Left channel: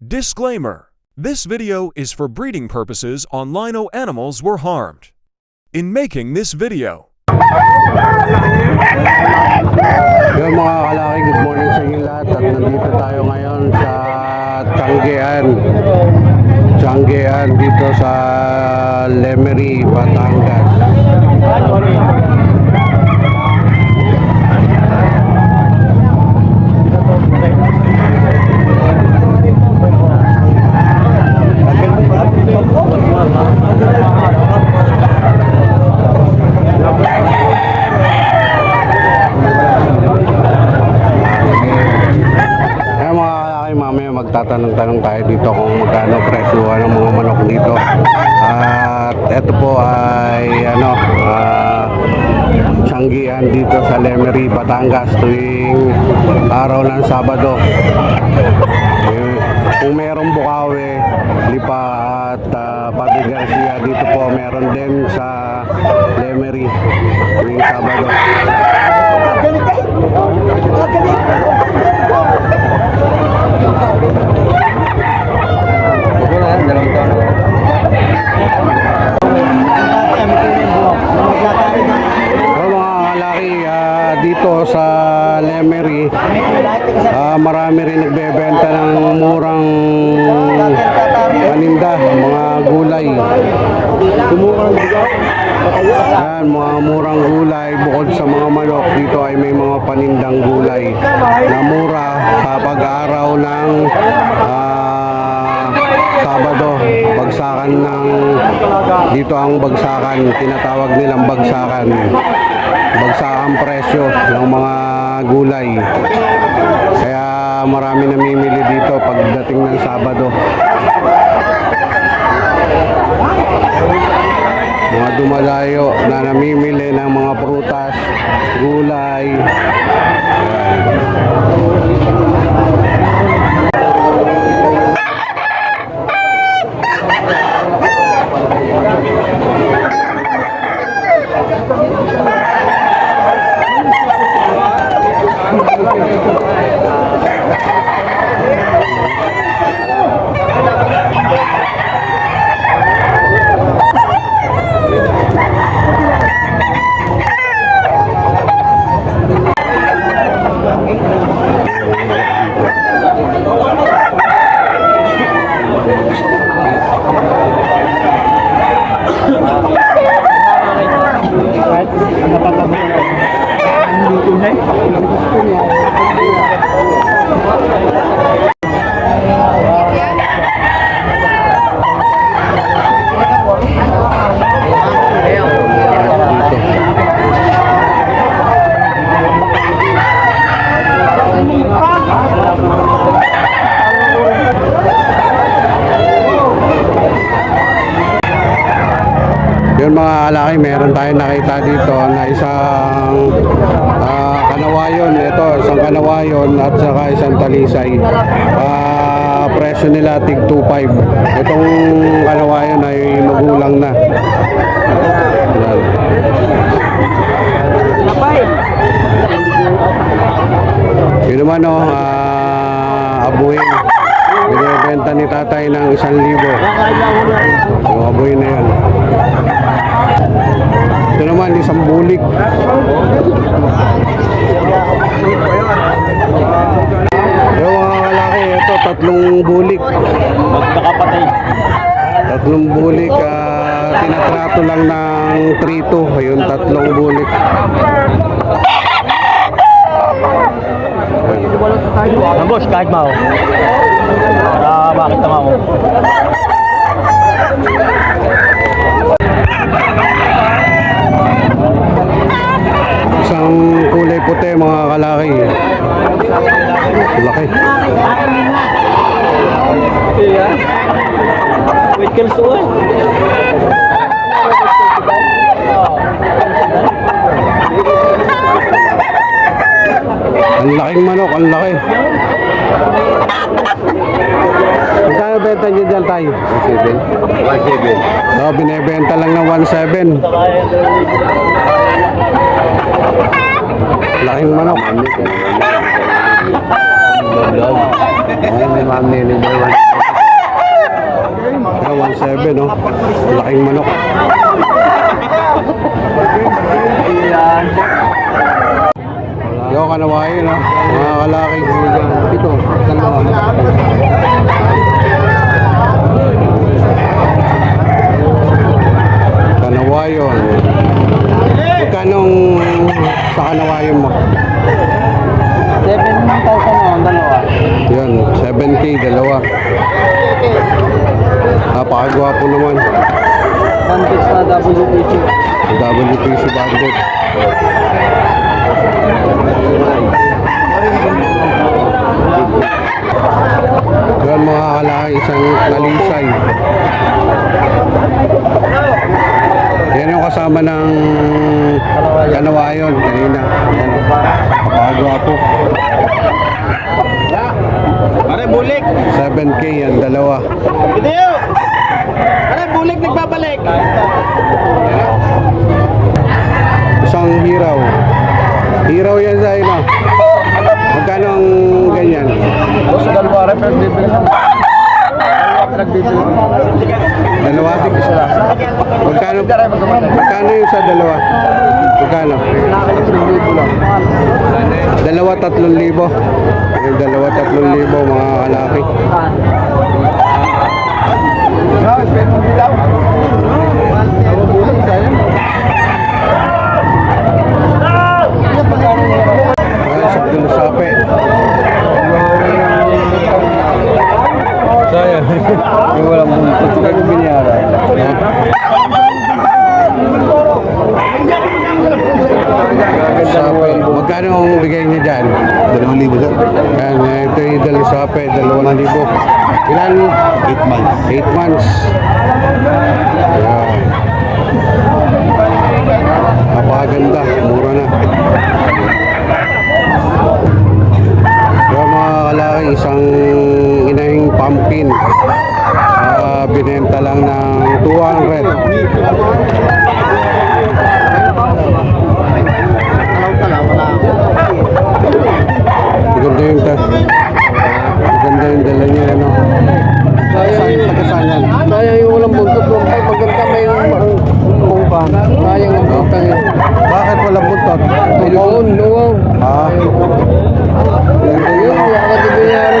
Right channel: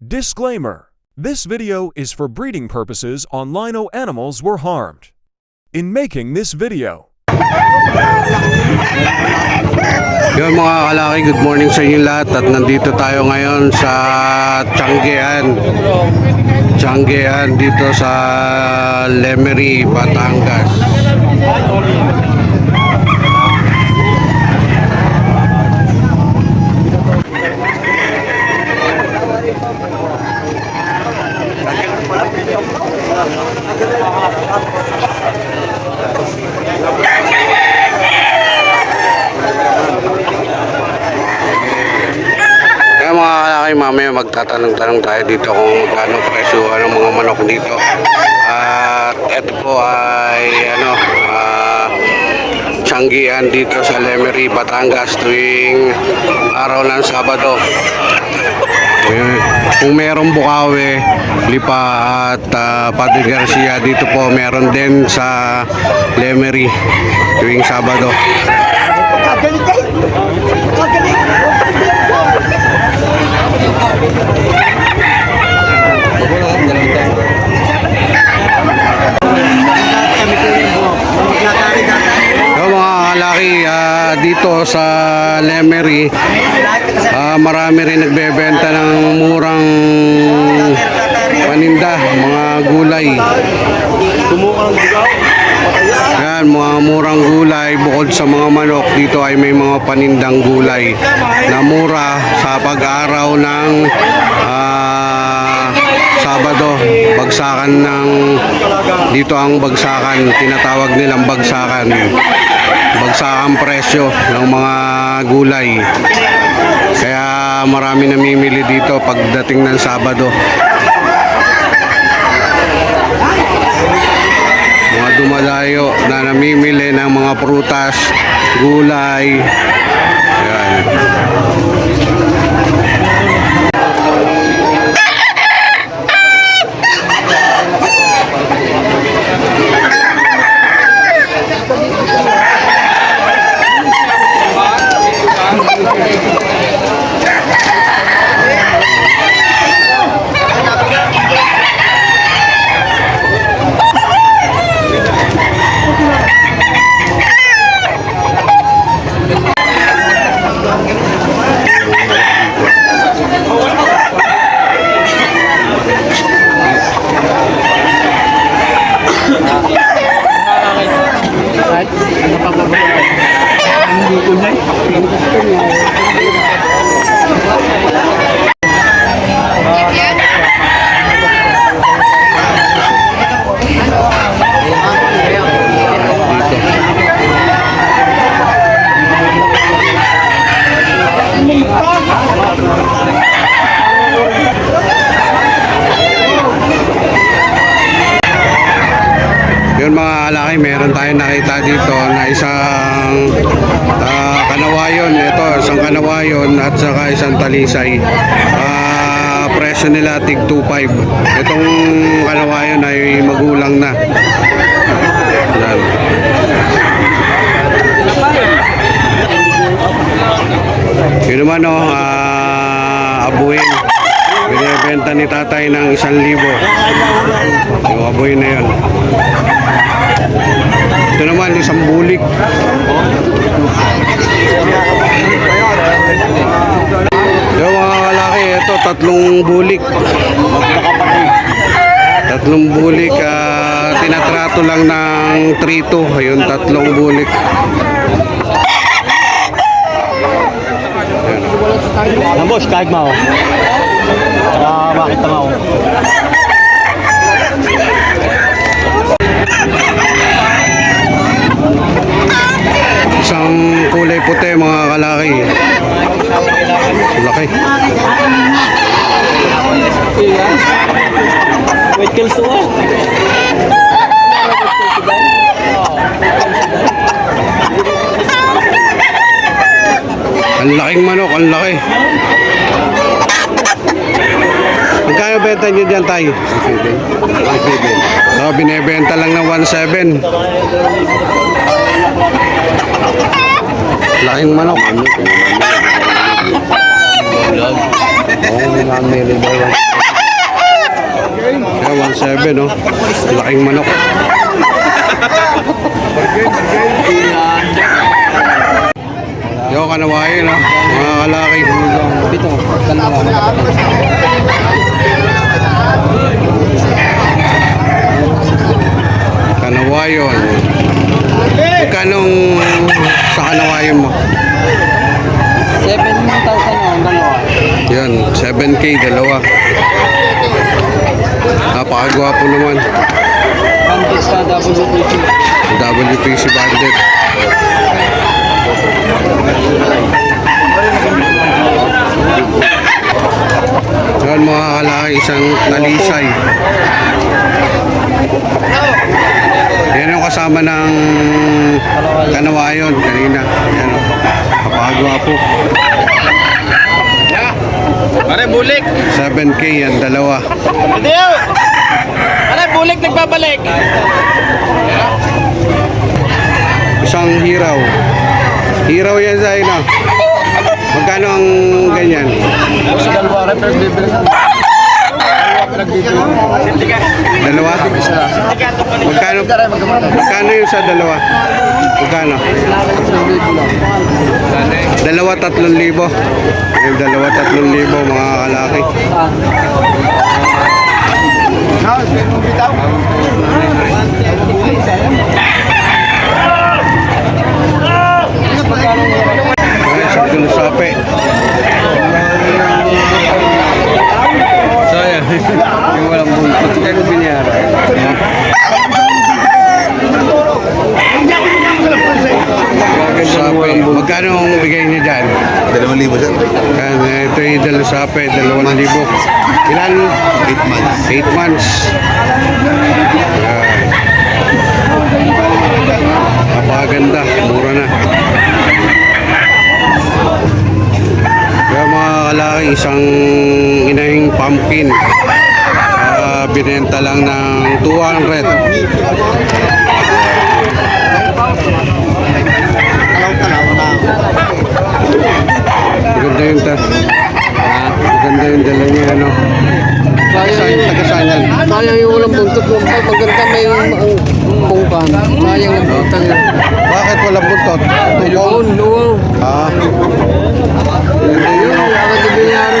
Disclaimer: this video is for breeding purposes on lino animals were harmed. In making this video, Yun mga kalaki, good morning sa inyo lahat. At nandito tayo ngayon sa Tianggean dito sa Lemery, Batangas. Mamaya magtatanong-tanong tayo dito kung magkano presyo ng mga manok dito. At ito po ay Tianggean dito sa Lemery, Batangas tuwing araw ng Sabado. Kung merong Bukawi, Lipa at Padre Garcia, dito po meron din sa Lemery tuwing Sabado. Dito sa Lemery, marami rin nagbebenta ng murang paninda, mga gulay. Yan, mga murang gulay. Bukod sa mga manok, dito ay may mga panindang gulay na mura sa pag-araw ng Sabado. Bagsakan ng dito ang bagsakan, tinatawag nilang bagsakan presyo ng mga gulay, kaya marami namimili dito pagdating ng Sabado. Mga dumalayo na namimili ng mga prutas, gulay. Ayan. Yun mga kalaki, meron tayong nakita dito na isang kanawayon. Ito, isang kanawayon at saka isang talisay. Presyo nila tig 2.5. Itong kanawayon ay magulang na. Yan. Yun naman abuhin. Binibenta ni tatay ng 1,000. Yung abuhin na yun. Ito naman isang bulik. Yung mga kalaki, ito 3 bulik. Tatlong bulik, tinatrato lang ng 3-2. Ayun, 3 bulik. Nambos, kahit mao. Bakit tamaw? Isang kulay puti mga kalaki. Laki. Wait, kills to it. Ang laking manok, ang laki. Magkano benta nyo dyan tayo? 1.7. So, binibenta lang ng 1.7. Laking manok. Vlog. Oo, mamili daw. Ayan, 1.7 no. Laking manok. Yo, kanawain no. Mga kalaki. Ito, dalawa. Kanawayon. Magkanong sa kanawayon mo? 7,000 ang dalawa. Yan, 7K dalawa. Napakagwapo naman. Bandit pa WPC. WPC bandit. Yan mga kalaki, isang talisay. Yan yung kasama ng kanawayon kanina. Yan o, napakagwapo. Pare, bulik! 7K yan, dalawa. Hindi yun! Pare, bulik nagpapalik! Isang hiraw. Hiraw yan sa ino. Magkano ang ganyan? O sa dalawa rin, pero bibili na. Dalawa pinagbibili. Dalawa? Isa. Magkano yung sa dalawa? Magkano? 3,000 lang. Dalawa 3,000. Yung dalawa 3,000 mga kalaki. Bitaw. Ay, sa sape. Sayang. Yung walang bungkot. Kaya ko binyara. Sape. Magkano ang bigay niya dyan? 2,000 sir. Yan, ito yung dalawa sape, 2,000. Ilan? 8 months. 8 months. Yan. Napakaganda, mura na. Kaya mga kalaki, isang inahing pumpkin. Binenta lang ng 200. Maganda yung maganda yung dala niya, ano. Taga-saan yan? Sayang yung walang buntot mo. Maganda may bungkang. Sayang ang bungkang. Bakit walang buntot? Tubong? Noon. Ah.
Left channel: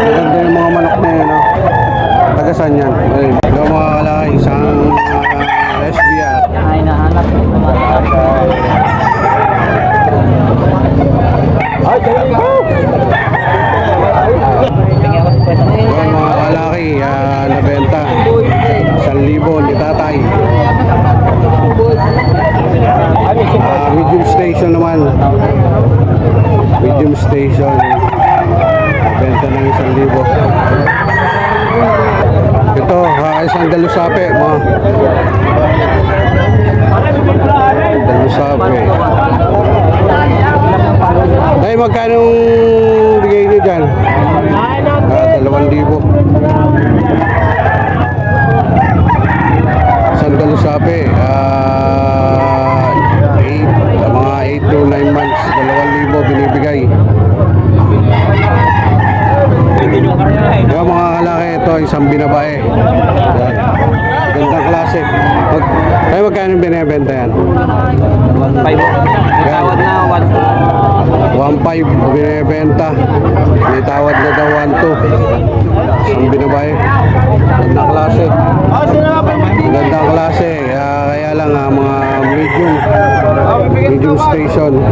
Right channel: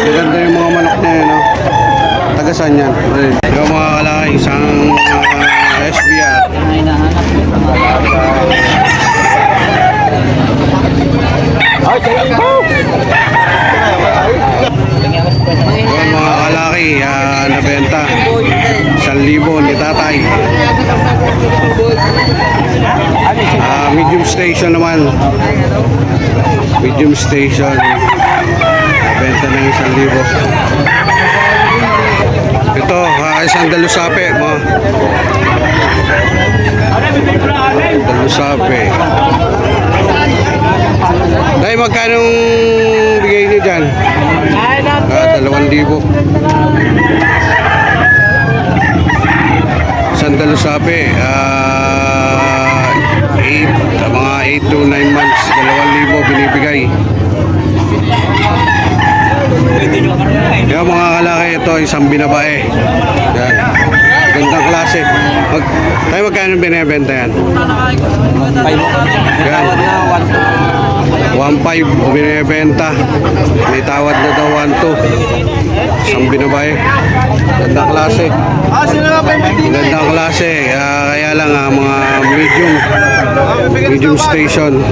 Maganda yung mga manok na yan, no? Taga-saan yan? Yung mga kalaki, isang SBR. Yung mga kalaki, nabenta. 1,000 ni tatay. Medium station naman. Medium station. Nabenta ng 1,000. Ito, isang dalusape, mga dalusape. Dahil magkano bigay niyo dyan? 2,000. Isang dalusape, 8 to 9 months, 2,000 binibigay. Yung mga kalaki, ito isang binabae. Yan. Gandang klase. Magkano binibenta yan? Yan. 1.5 binibenta. May tawad na daw 1.2. Isang binabae. Gandang klase. Gandang klase. Kaya lang mga medium station.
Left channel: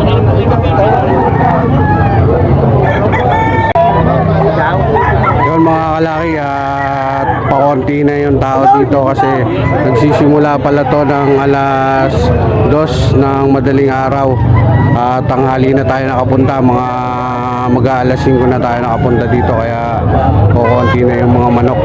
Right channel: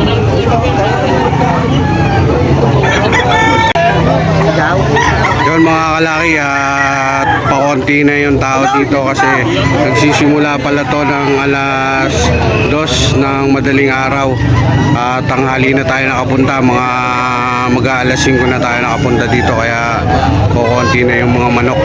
Yun mga kalaki, at pakonti na yung tao dito kasi nagsisimula pala to ng alas 2 ng madaling araw. Tanghali na tayo nakapunta, mga mag-aalas 5 na tayo nakapunta dito, kaya kukonti na yung mga manok.